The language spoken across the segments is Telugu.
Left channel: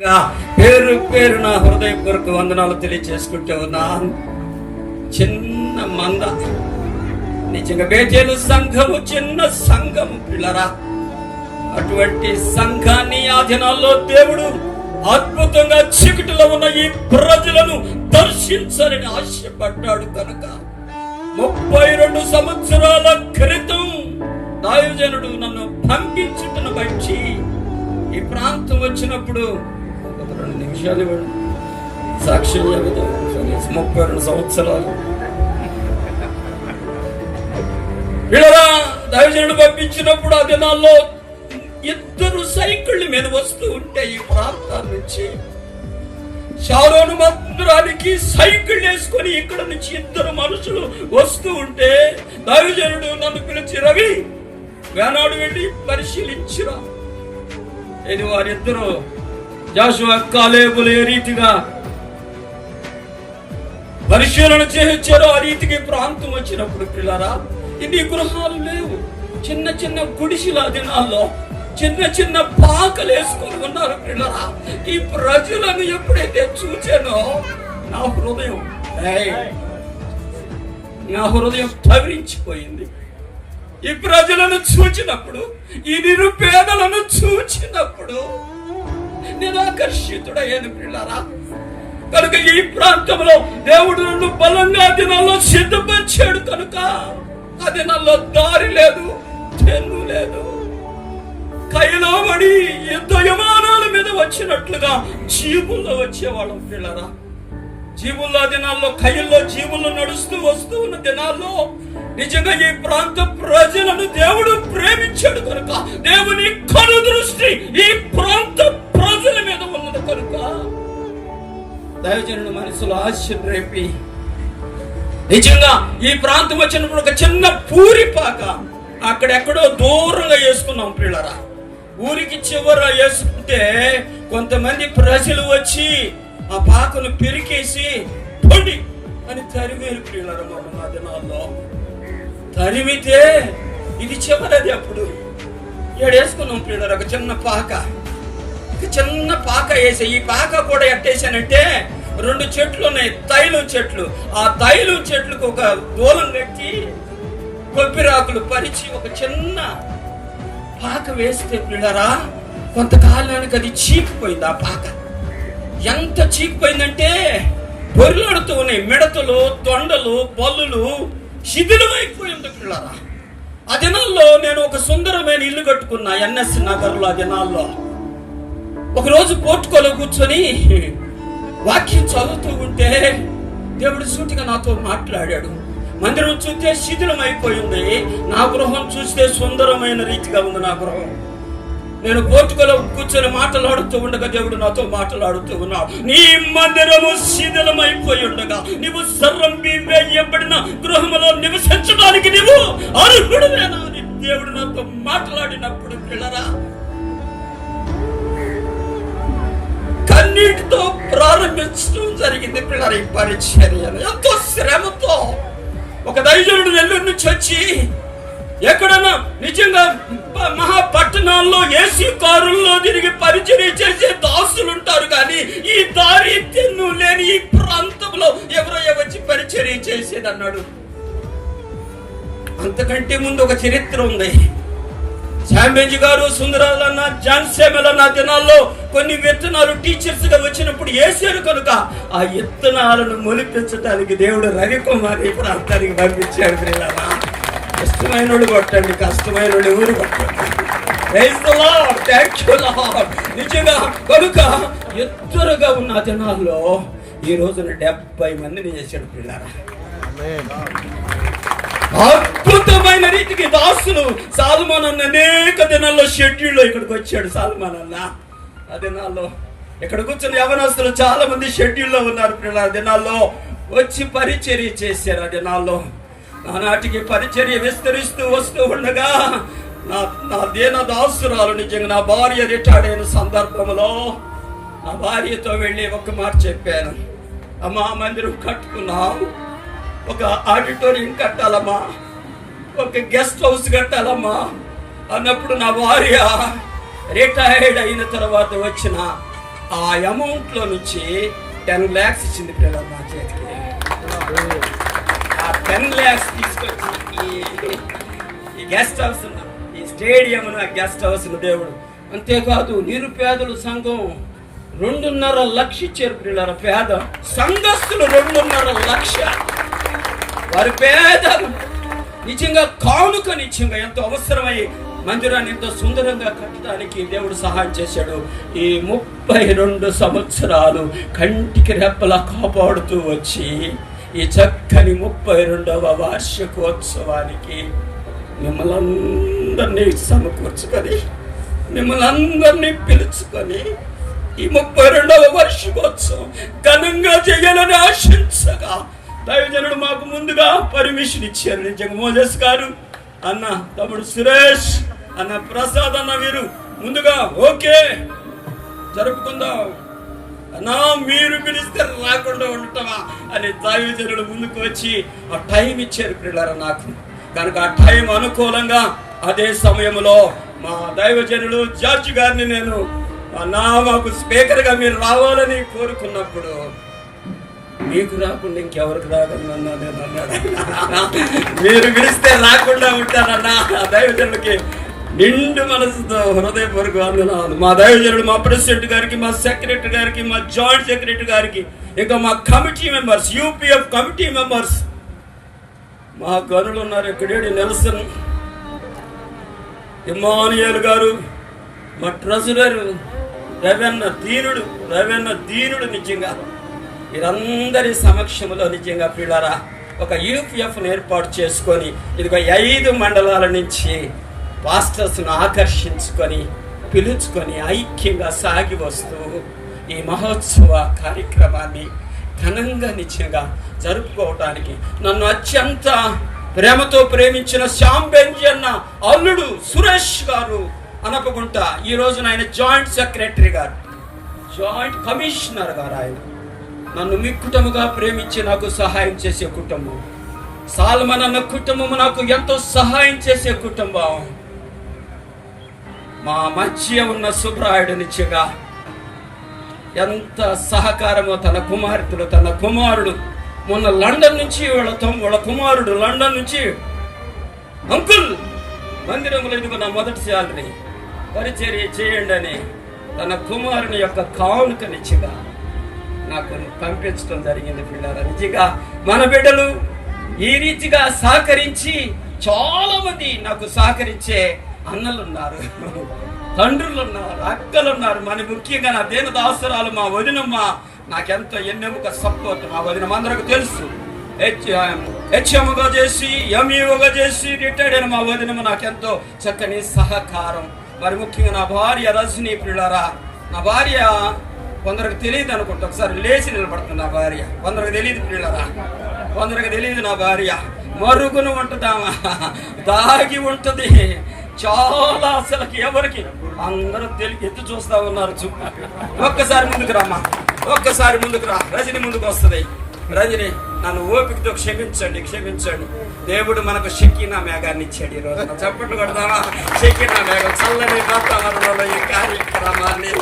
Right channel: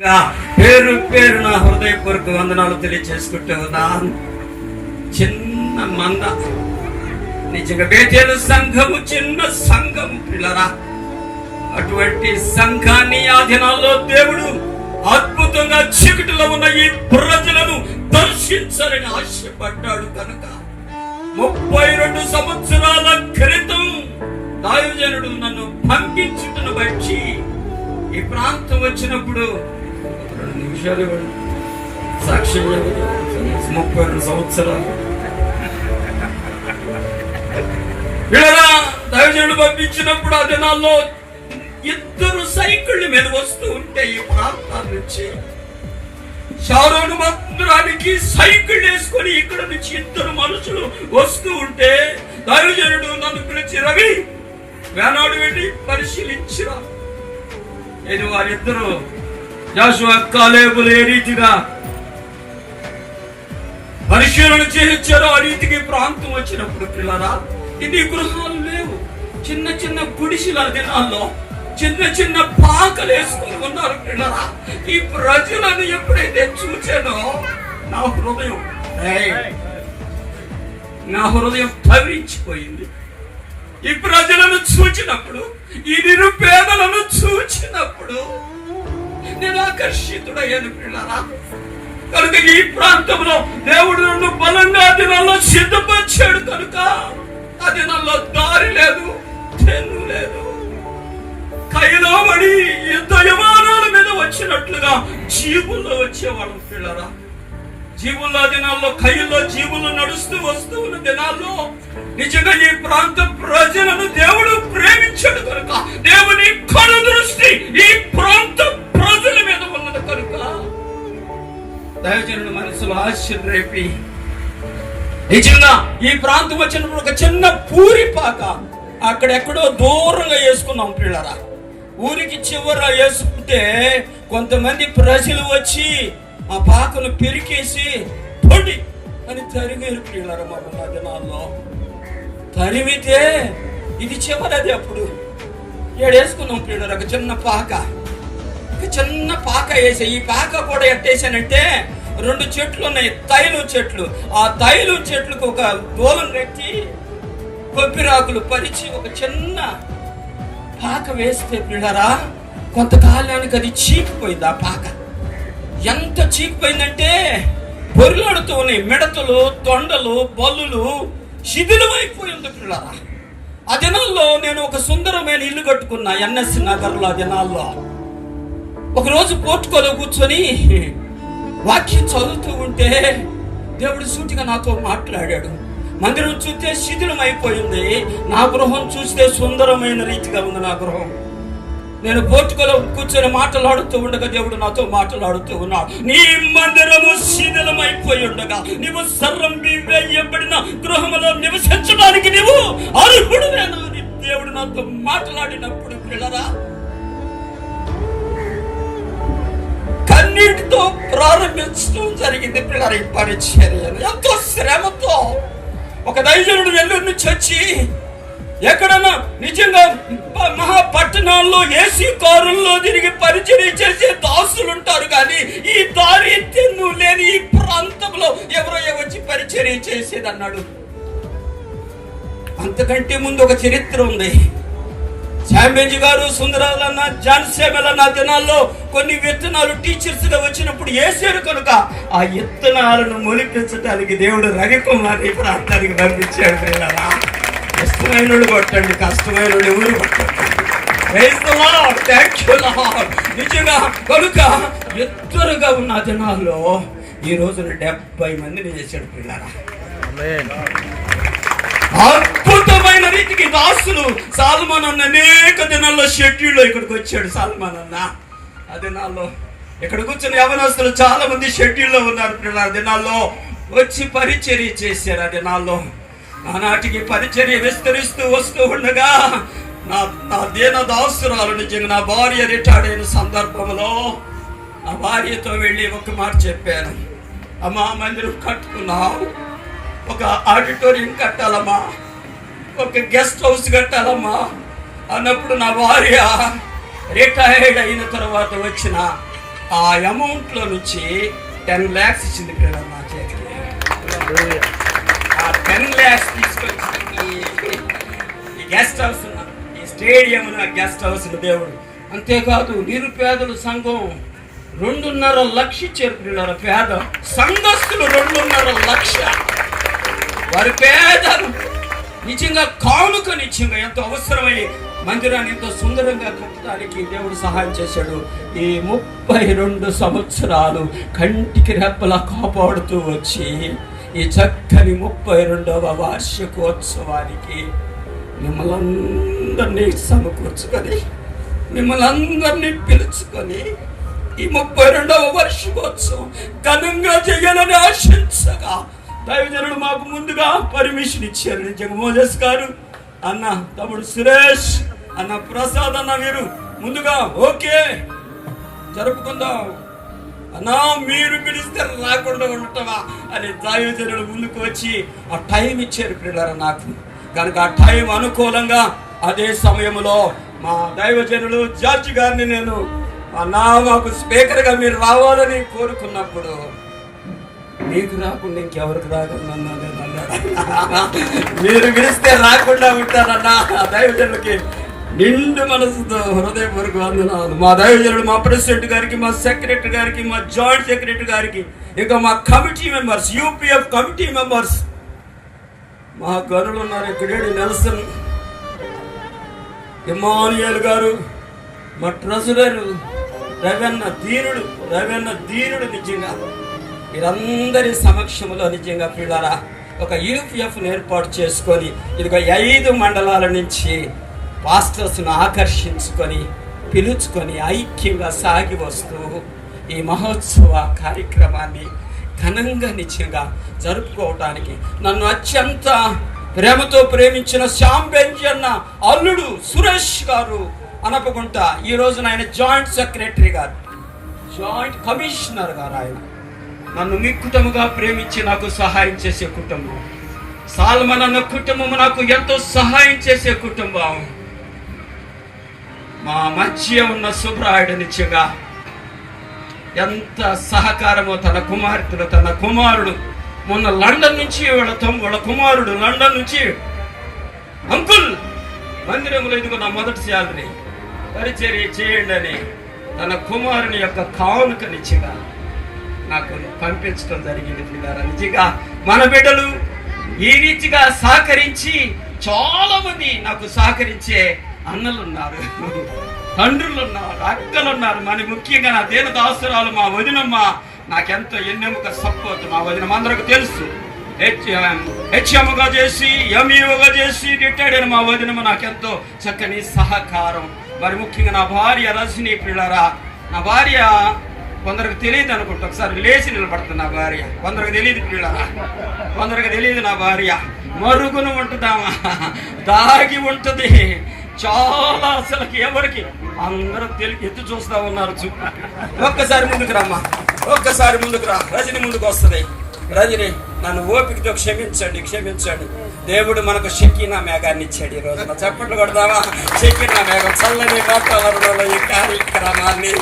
పేరు పేరు నా హృదయపూర్వక వందనాలు తెలియచేసుకుంటూ ఉన్నాను. చిన్న మంద, నిజంగా బేతేలు సంఘము చిన్న సంఘము పిల్లరా. అటువంటి సంఘాన్ని ఆ దినాల్లో దేవుడు అద్భుతంగా చీకటిలో ఉన్న ఈ ప్రజలను దర్శించాలని ఆశపడ్డాడు కనుక 32 సంవత్సరాల క్రితం దైవజనుడు నన్ను పంపించుటను బట్టి ఈ ప్రాంతం వచ్చినప్పుడు 2 నిమిషాలు సాక్ష్యం 32 సంవత్సరాలు వీళ్ళరా దైవజనుడు పంపించినప్పుడు ఆ దినాల్లో 2 సైకిళ్ళ మీద వస్తూ ఉంటే ఈ ప్రాంతాల నుంచి షారోను మందిరానికి సైకిల్ వేసుకొని ఇక్కడ నుంచి 2 మనుషులు వస్తూ ఉంటే దైవజనుడు నన్ను పిలిచి, రవి వేనాడు వెళ్ళి పరిశీలించిరా, ఇది వారిద్దరూ జాషువా కాలేబులు ఏ రీతిగా పరిశీలన చేయించారో ఆ రీతికి ప్రాంతం వచ్చినప్పుడు పిల్లరా ఇన్ని గృహాలు లేవు. చిన్న చిన్న గుడిసెల దినాల్లో చిన్న చిన్న పాకలు వేసుకుని ఉన్నారు పిల్లరా. ఈ ప్రజలను ఎప్పుడైతే చూచానో నా హృదయం తవిరించిపోయింది. ఈ ప్రజలను చూచినప్పుడు, ఈ నిరుపేదలను చూచినప్పుడు నేను ఆకర్షితుడయ్యాను పిల్లరా. కనుక ఈ ప్రాంతంలో దేవుడు నన్ను బలంగా దినాల్లో సిద్ధపరిచాడు కనుక ఆ దినాల్లో దారి లేదు, తెన్ను లేదు. కైలో పడి యుద్ధ విమానాల మీద వచ్చినట్లుగా జీవుల్లో వచ్చేవాళ్ళం పిల్లరా. జీవుల్లో దినాల్లో కైల్లో జీవుల్లో నడుస్తూ వస్తూ ఉన్న దినాల్లో నిజంగా ఈ ప్రాంత ప్రజలను దేవుడు ప్రేమించాడు కనుక దేవుని కను దృష్టి ఈ ప్రాంత ప్రజల మీద ఉన్నది కనుక దైవజనుడు మనసులో ఆశ రేపి నిజంగా ఈ ప్రాంతం వచ్చినప్పుడు ఒక చిన్న పూరిపాక అక్కడెక్కడో దూరంగా వేసుకున్నాం పిల్లరా. ఊరికి చివర వేసుకుంటే కొంతమంది ప్రజలు వచ్చి ఆ పాకను పెరికేసి పొడి అని తరివేరు పిల్లరా. మా దినాల్లో తరిమితే ఇది చివరది. అప్పుడు వేసుకున్నాం పిల్లరా ఒక చిన్న పాక వేసి, ఈ పాక కూడా ఎట్టేసానంటే 2 చెట్లు ఉన్నాయి, తైలం చెట్లు. ఆ తైలం చెట్లకు ఒక దూలం కట్టి కొబ్బరిరాకులు పరిచి ఒక చిన్న పాక వేస్తే పిల్లరా కొంతకాలానికి అది చీకిపోయింది. ఆ పాక ఎంత చీకిపోయిందంటే బొరిలాడుతూ ఉన్నాయి మిడతలు, తొండలు, బల్లులు శిథిలమైపోయింది పిల్లరా. ఆ దినాల్లో నేను ఒక సుందరమైన ఇల్లు కట్టుకున్నా NS నగర్లో. ఆ దినాల్లో ఒకరోజు పోర్టుకోలో కూర్చొని వాక్యం చదువుతూ ఉంటే దేవుడు సూటిగా నాతో మాట్లాడాడు. మందిరం చూస్తే శిథిలం అయిపోయింది, నా గృహం చూస్తే సుందరమైన రీతిగా ఉంది నా గృహం. నేను పోర్టుకోలో కూర్చొని మాట్లాడుతూ ఉండగా దేవుడు నాతో మాట్లాడుతూ ఉన్నాడు. నీ మందిరము శిథిలమైపోయి ఉండగా నీవు సర్వం వేయబడిన గృహములో నివసించడానికి నీవు అర్హుడువేనా అని దేవుడు నాతో మాట్లాడినప్పుడు పిల్లరా కన్నీటితో ప్రారంభించడం జరిగింది పిల్లరా. ఈ పరిచర్యను ఎంతో శ్రమతో ఒక దైవజనుడు నెల్లూరు నుంచి వచ్చి ఎక్కడన్నా నిజంగా మహాపట్టణాల్లో ఏసీ కారుల్లో తిరిగి పరిచర్య చేసే దాసులు ఉంటారు, కానీ ఈ దారి తెన్ను లేని ఈ ప్రాంతంలో ఎవరో వచ్చి పరిచర్య చేసేది అన్నాడు. అంతకంటే ముందు ఒక చరిత్ర ఉంది. శాంబేజీ గారు, సుందరాలన్న, జాన్ సేమలన్న దినాల్లో కొన్ని విత్తనాలు టీచర్స్ గా వచ్చినప్పుడు వేసారు కనుక ఆ విత్తనాలను మొలిపించడానికి దేవుడు రవికుమార్ ఈ ప్రాంతానికి పంపించాడు పిల్లరా. కష్టమైన కొట్టండి, కష్టమైన ఊరు కొట్టండి. నిజంగా కనుక ఎత్తురుగా ఉన్న దినాల్లో ఈ రోజున 70 మందిని చేశాడు పిల్లరా. అద్భుతమైన రీతికి దాసులు సాల్మాన్ అన్న అనేక దినాల్లో షెడ్యూల్లో ఇక్కడికి వచ్చాడు. సాల్మాన్ అన్న ఆ దినాల్లో ఇక్కడ కూర్చొని యవనస్తులు చాలా మంది షెడ్యూల్లో ఉన్నారు పిల్లల. దినాల్లో వచ్చి పరిచర్య చేశారు. ఆ దినాల్లో ఆనాటికి పరిచర్య విస్తరిస్తూ వస్తూ ఉండగా నా దీన దాసురాలు నిజంగా నా భార్య రిటైర్డ్ అయిన సందర్భంలో నా భార్యతో వెళ్ళి ఒక మాట చెప్పాను. అమ్మా, మందిరం కట్టుకున్నాం, ఒక ఆడిటోరియం కట్టాలమ్మా, ఒక గెస్ట్ హౌస్ కట్టాలమ్మా అన్నప్పుడు నా భార్య రిటైర్డ్ అయిన తర్వాత వచ్చిన ఆ అమౌంట్ లో నుంచి 10 lakhs ఇచ్చింది పిల్లలు మా చేతికి. ఆ 10 lakhs తీసుకొచ్చి ఈ గెస్ట్ హౌస్, ఈ స్టేడియం, గెస్ట్ హౌస్ దేవుడు. అంతేకాదు నిరుపేదలు సంఘం 2.5 లక్ష ఇచ్చారు పిల్లల. పేద సంఘస్థులు 2.5 లక్ష. వారి పేదలు నిజంగా కానుక నిజంగా ఎంతో అవసరమై మందిరాన్ని ఎంతో సుందరంగా కట్టడానికి దేవుడు సహాయం చేశాడు. ఈ 32 సంవత్సరాలు కంటికి రెప్పలా కాపాడుతూ వచ్చి ఈ చక్కని 32వ వార్షికోత్సవానికి మిమ్మల్ని అందరినీ సమకూర్చుకొని, మిమ్మల్ని అందరినీ పిలుచుకొని ఈ 32వ వార్షికోత్సవం ఘనంగా చేయాలని ఆశించగా దైవజనుడు మాకు ముందుగా పర్మిషన్ ఇచ్చారు. నిజంగా మోజస్ గారు, అన్న తమ్ముడు సురేష్, అన్న ప్రసాద్, అన్న మీరు ముందుగా ఓకే జరుపుకుందాం అన్నా, మీరు పిలిస్తే రాకుండా ఉంటావా అని దైవజనుడు ముందుకు వచ్చి ఆ టైం ఇచ్చారు పిల్లలు నాకు. కనుక ఆ టైం అనుకూలంగా అదే సమయంలో మా దైవజనుడు జార్జి గారిని నేను అన్నా మాకు స్పీకర్ గా మీరు రావాలని కోరుకున్నప్పుడు, మీకు రాకుండా ఇంకెవరికి రాకుండా మీరు పిలిస్తే రాకుండా ఉంటారన్నా. దైవజనుడికి నిండు మనసుతో హృదయపూర్వక వందనాలు. మా దైవజనుడు, మా ప్రెసిడెంట్ గారికి, మా సెక్రటరీ గారికి, మా జాయింట్ సెక్రటరీ గారికి, ఇంకా మా committee members, UPF committee members, మా గనులు ఉన్నారు. ఇక్కడేడు నెల్సన్, ఇమానుయేల్ గారు, మా ట్రెజరర్ రవెన్న ధీరుడు నిజంగా మీరందరి సమక్షంలో నిజంగా పిల్లరా ఒక యూపీఎఫ్ను ఏర్పాటు చేసుకొని ఇదిగో 5 మండలాల నుంచి పాస్టర్స్ను ఆకర్షించుకొని పిలుచుకొని ఐక్యంగా సాగి వస్తూ ఈ మహోత్సవ కార్యక్రమాన్ని ఘనంగా నిత్యంగా జరుపుకోవటానికి నన్ను అత్యంత ప్రేమతో ప్రేమించిన శ్యామ్ బెంజీ అన్న అల్లుడు సురేష్ గారు అనపగుంట, ఈ రోజున ఆయన జాయింట్ సెక్రటరీ గారు, జాయింట్ కమిషనర్ గారు. ఆయన నన్ను మిక్కుటముగా ప్రేమించి నాకు సహాయం చేసే కుటుంబం. సాల్మన్ అన్న కుటుంబం నాకు ఎంతో సహాయం చేసే కుటుంబం. మా మధ్య ఉన్న సుబ్రాయుడు నిత్యగా ఎంత సహకారమో, తన కుమారుడు మొన్న లండన్ నుంచి వాళ్ళ కుమారుడు లండన్ నుంచి, అంకుల్ మందిరంలో ఇదిగో నా మొదటి శాలరీ పరిచర్య చేయండి అని తన కుమారుని యొక్క కానుక నిత్యగా నాకు పంపించడం జరిగింది పిల్లరా. నిజంగా మన బిడ్డలు ఈ రీతిగా సహకరించి చాలా మంది నాకు సహకరించే అన్నలు ఉన్నారు, తండ్రులు ఉన్నారు, అక్కలు ఉన్నారు. మరి ముఖ్యంగా నా దేని దాసురాలు మా వదినమ్మ నాకెంతో ఎన్నెముక సపోర్ట్. మా వదినమ్మ అందరికి తెలుసు, హెచ్ఎంగా చేసి ఎంఈఓగా చేసి రిటైర్డ్ అయిన మా వదినమ్మ నాకెంతో చక్కని సహకారం. మరి ముఖ్యంగా నా భార్య రజనీ పిల్లరా, నా భార్య కొందరికి తెలియదు అనుకుంటా, ఒకసారి లేచి నిలబడుతుంది నా భార్య. కొందరికి తెలియదు పిల్లరా, కొందరికి తెలియదు నా భార్య మరుగును ఉంటుందామా, దాగి ఉంటుంది చాలా. అసలుకి ఎవరికి అందరూ తెలియ ఎత్తు చూస్తా ఉన్నారు. ఒక్కసారి ముందుకు రమ్మా, ఒక్కసారి ముందుకు రా. రజని ముందుకు వస్తుంది. రజని నన్ను ఓపికతో క్షమించండి. దేవుడు మనకు షకీనా మేఘాన్ని ఇచ్చాడు. ఈ రోజున చప్పట్లు కొడదామా? షకీనా మేఘం చల్లని వాతావరణంలో ఈ కార్యక్రమాన్ని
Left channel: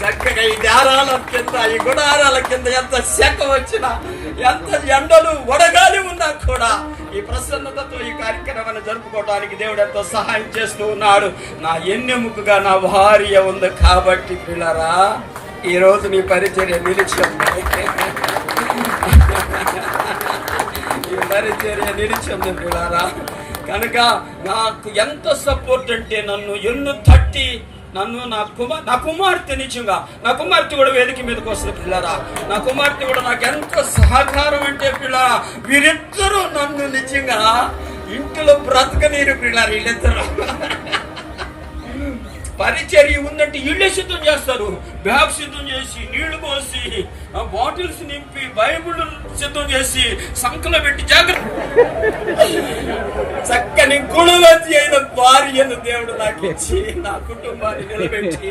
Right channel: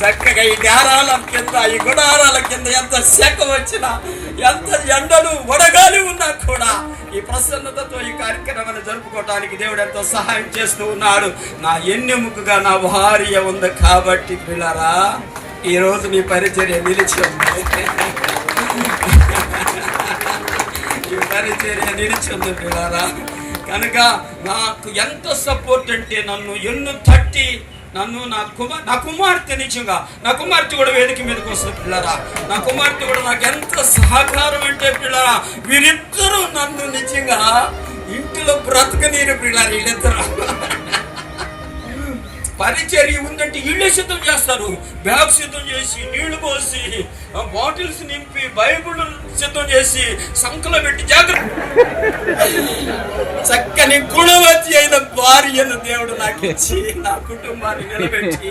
చక్కగా ఈ ధ్యానాల కింద, ఈ గుడారాల కింద ఎంత శాఖ వచ్చినా, ఎంత ఎండలు వడగాలి ఉన్నా కూడా ఈ ప్రసన్నతతో ఈ కార్యక్రమాన్ని జరుపుకోవడానికి దేవుడు ఎంతో సహాయం చేస్తూ ఉన్నాడు. నా ఎన్నెముకగా నా భార్య ఉంది కాబట్టి పిల్లరా ఈ రోజు నీ పరిచర్య నిలిచి ఉంది పిల్లరా. కనుక నాకు ఎంత సపోర్ట్ అంటే నన్ను ఎన్ను తట్టి నన్ను నా కుమార్తె నిజంగా నా కుమార్తె కూడా వేదిక మీదకి వస్తుంది పిల్లరా. నా కుమార్తె కూడా నాకు ఎంత సహకారం అంటే పిల్లరా, వీరిద్దరూ నన్ను నిజంగా ఇంటిలో బ్రతకనీరు పిల్లరా. వీళ్ళిద్దరు పరిచర్య ఉందంటే ఇళ్ళే సిద్ధం చేస్తారు, బ్యాగ్ సిద్ధం చేసి, నీళ్లు పోసి, బాటిల్స్ నింపి, బైబుల్ సిద్ధం చేసి, సంకలో పెట్టి జాగ్రత్త. చక్కని గుణవతి అయిన భార్యను దేవుడు నాకు ఇచ్చి నా కుటుంబాన్ని నిలబెట్టి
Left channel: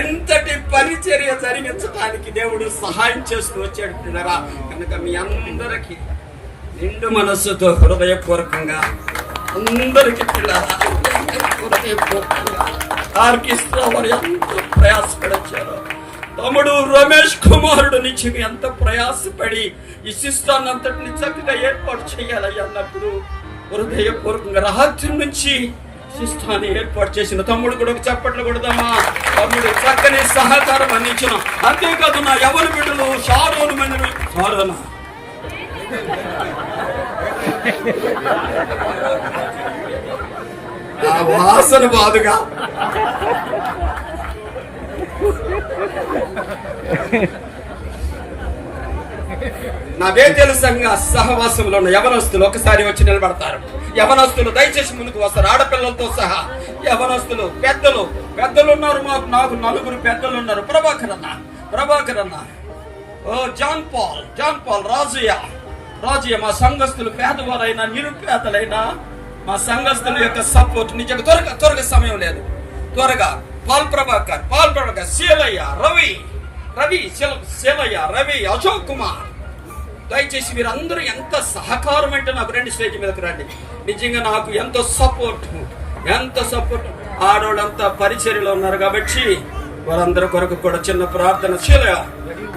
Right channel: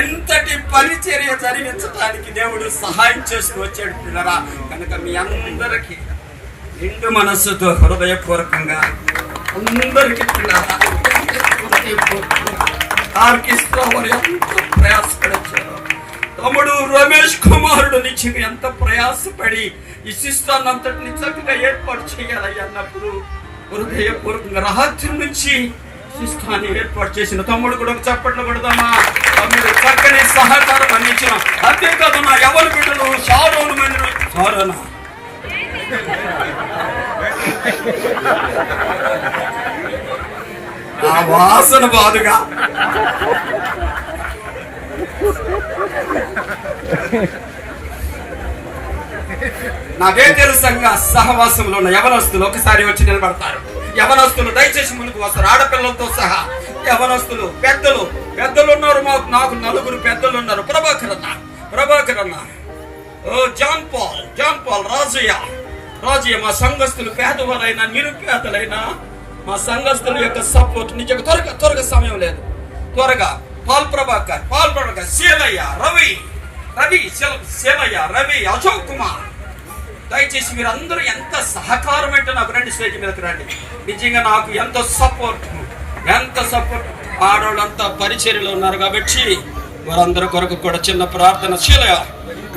ఎంతటి పరిచర్య జరిగించడానికి దేవుడు సహాయం చేస్తూ వచ్చాడు పిల్లరా. కనుక మీ అందరికీ నిండు మనస్సుతో హృదయపూర్వకంగా అందరికీ పిల్లరా ఆర్కెస్ట్రా వారు ఎంతో ప్రయాసపడొచ్చారు. తమ్ముడు రమేష్ కుమారుడు నుంచి ఎంత ప్రయాసపడి ఈ శిస్తాన్ని అంతటిని చక్కగా ఏర్పాటు చేయాలి అన్నప్పుడు హృదయపూర్వకంగా రాత్రి నుంచి శిస్తాన్ని ఏర్పాటు చేసిన తమ్ముడు కూడా చప్పట్లు కొడదామా. తమ్ముడు చక్కని సహకారం అందించిన. అంతేకాదు నా ఎవరి బిడ్డలు షారోను మందిరు షారోనా ఆ వాసన బాధగా నాదే తెలుసంగా సహవాసంలో ఉన్న యవనస్తులు ఒకసారి వచ్చి నిలబడతారు. యవనస్తులు దయచేసి ముందుకు వస్తారు, ఆడపిల్లలతో సహా. యవనస్తులు పెద్దలు ఉన్నారు. నాకు 4 పెద్దలు ఉన్నారు. ప్రభాకర్ అన్న, జాన్ పాల్, రాజయ్య మా సంఘస్థులు పేదవారైనా నిరుపేదలైనా మా సంఘస్థుల యొక్క సపోర్ట్ నిజంగా త్వరగా సమయం లేదు. త్వరగా పాల్ ప్రభాకర్, శీలయ్య, రవి, అశోక్ కుమార్, దయచేసి మీరందరూ ఎంత సహకారం అంటే నాకు రండి, స్టేజ్ మీదకి రండి. నిజంగా నాకు ఎంత సపోర్ట్ ఆడవాళ్ళంతా పరిచర్యలో ఉన్నారు కాబట్టి వారందరి కొరకు కూడా చిన్న ప్రార్థన. శీలయ్య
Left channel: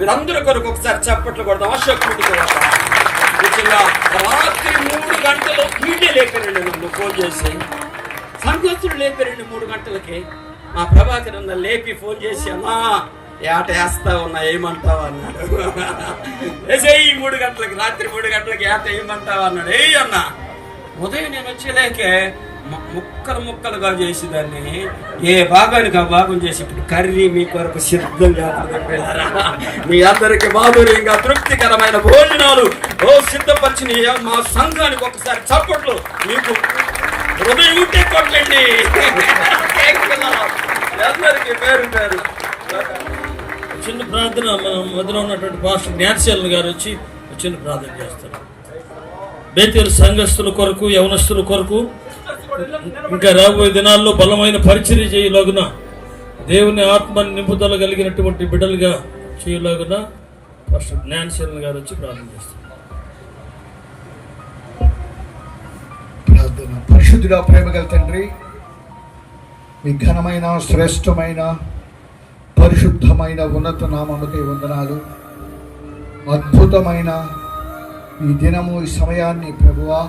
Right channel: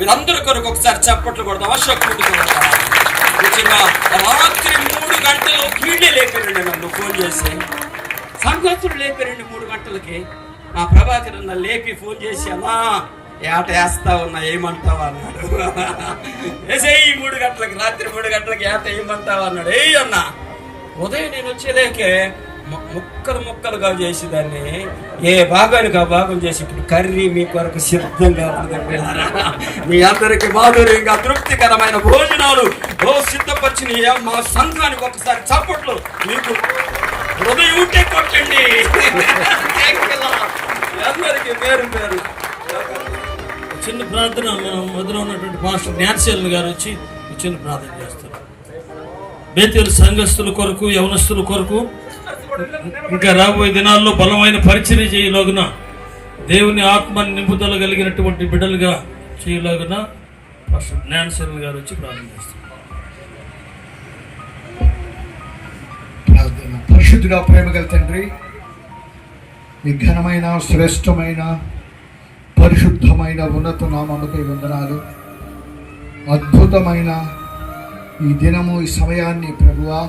మీరందరి కొరకు ఒకసారి చప్పట్లు కొడదాం. అశోక్ నిజంగా రాత్రి 3 గంటలు పీటీ లేపారండి, నన్ను ఫోన్ చేసి సంఘస్థుడు లేపారండి 3 గంటలకి. మా ప్రభాకర్ అన్న లేపి ఫోన్ చేసి అన్నా ఏట వేస్తా ఉన్నా ఏమంటావా అన్నాడు. వేసేయి 3 గంటలకి, రాత్రి 3 గంటలకి ఏట ఏమంటావా అన్నాడు. అన్నా ఉదయం నేను వచ్చేలేకే ముక్కలుగా చేసి దాన్ని ఏ భాగానికి ఆ భాగం చేసి ఇప్పుడు కర్రీ మీ కొరకు సిద్ధం లేకుండా మీ అందరికి మాధుర్యంగా తృప్తికరమైన భోజనాలు సిద్ధపరిచిన మా సంఘానికి ఒకసారి చప్పట్లు మీకు హృదయం ఉంటే కొట్టండి. అందరికి పేరు చిన్న ప్రార్థన మొదలు ఉన్నటువంటి పాస్టర్ జ్ఞానశీలన్ గారు వచ్చి చిన్న ప్రార్థన చేస్తారు. బేతేలు సంఘస్థుల కొరకు, యవనస్తుల కొరకు ఇంకా రాబోయే దినాల్లో బలమైన పరిచర్య చేయలాగున, దేవుని ఆత్మ నింపుదల కలిగినటువంటి బిడ్డలుగా చేయలాగున పాస్టర్ జ్ఞానశీలన్ గారు వచ్చి ప్రార్థన చేస్తారు. పరిశుద్ధుడా, ప్రేమగల తండ్రి, ఈ ఘనమైన శ్రేష్టమైన పరిశుద్ధమైన ఉన్నత నామముకే వందనాలు. అద్భుతమైన ఈ దినము, ఈ సమయాన్ని ప్రభువా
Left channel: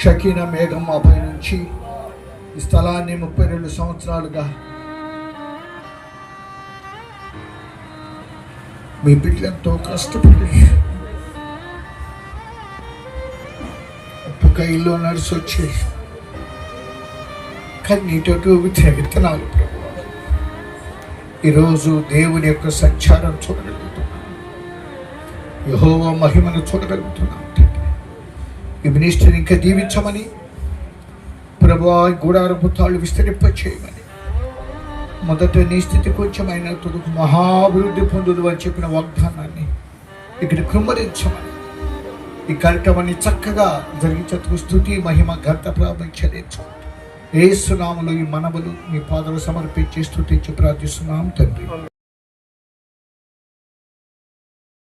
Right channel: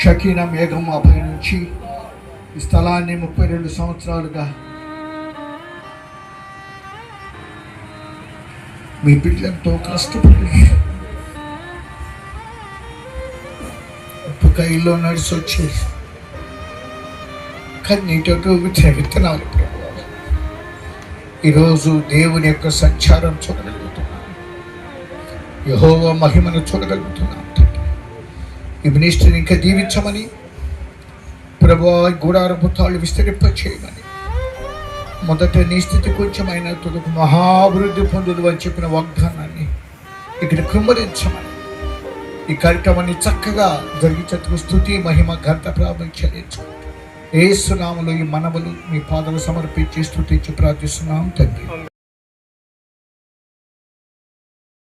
షకీనా మేఘం మాపై నుంచి ఈ స్థలాన్ని 32 సంవత్సరాలుగా మీ బిడ్డలతో కష్టపడి ఒక్క ఇల్లు నడిచి వచ్చేసి కన్నీటకు విత్తనాలు ప్రభువా ఈరోజు దేవుని యొక్క సంచారం చూడగలుగుతున్నాను, యెహోవా మహిమను చూడగలుగుతున్నాను. ఈ మినిస్ట్రీని ఇంకా దీవించమని ప్రభువా, గుడారపు తాళ్ళు విస్తరింప చేయమని, మొదట నీ స్థితి కొంచెమైన తుదకు మహాభివృద్ధి పొందుదు అని చెప్పిన వాగ్దానాన్ని ఇక్కడ కృమ్మరించమని, ఈ కార్యక్రమాన్ని చక్కగా జరిగించేందుకు స్తుతి మహిమ ఘనత ప్రారంభించలేదు. యేసు నామములో ఈ మనవులు మీ పాదలు సమర్పించి స్తుతించి ప్రార్థిస్తున్నాం తండ్రి.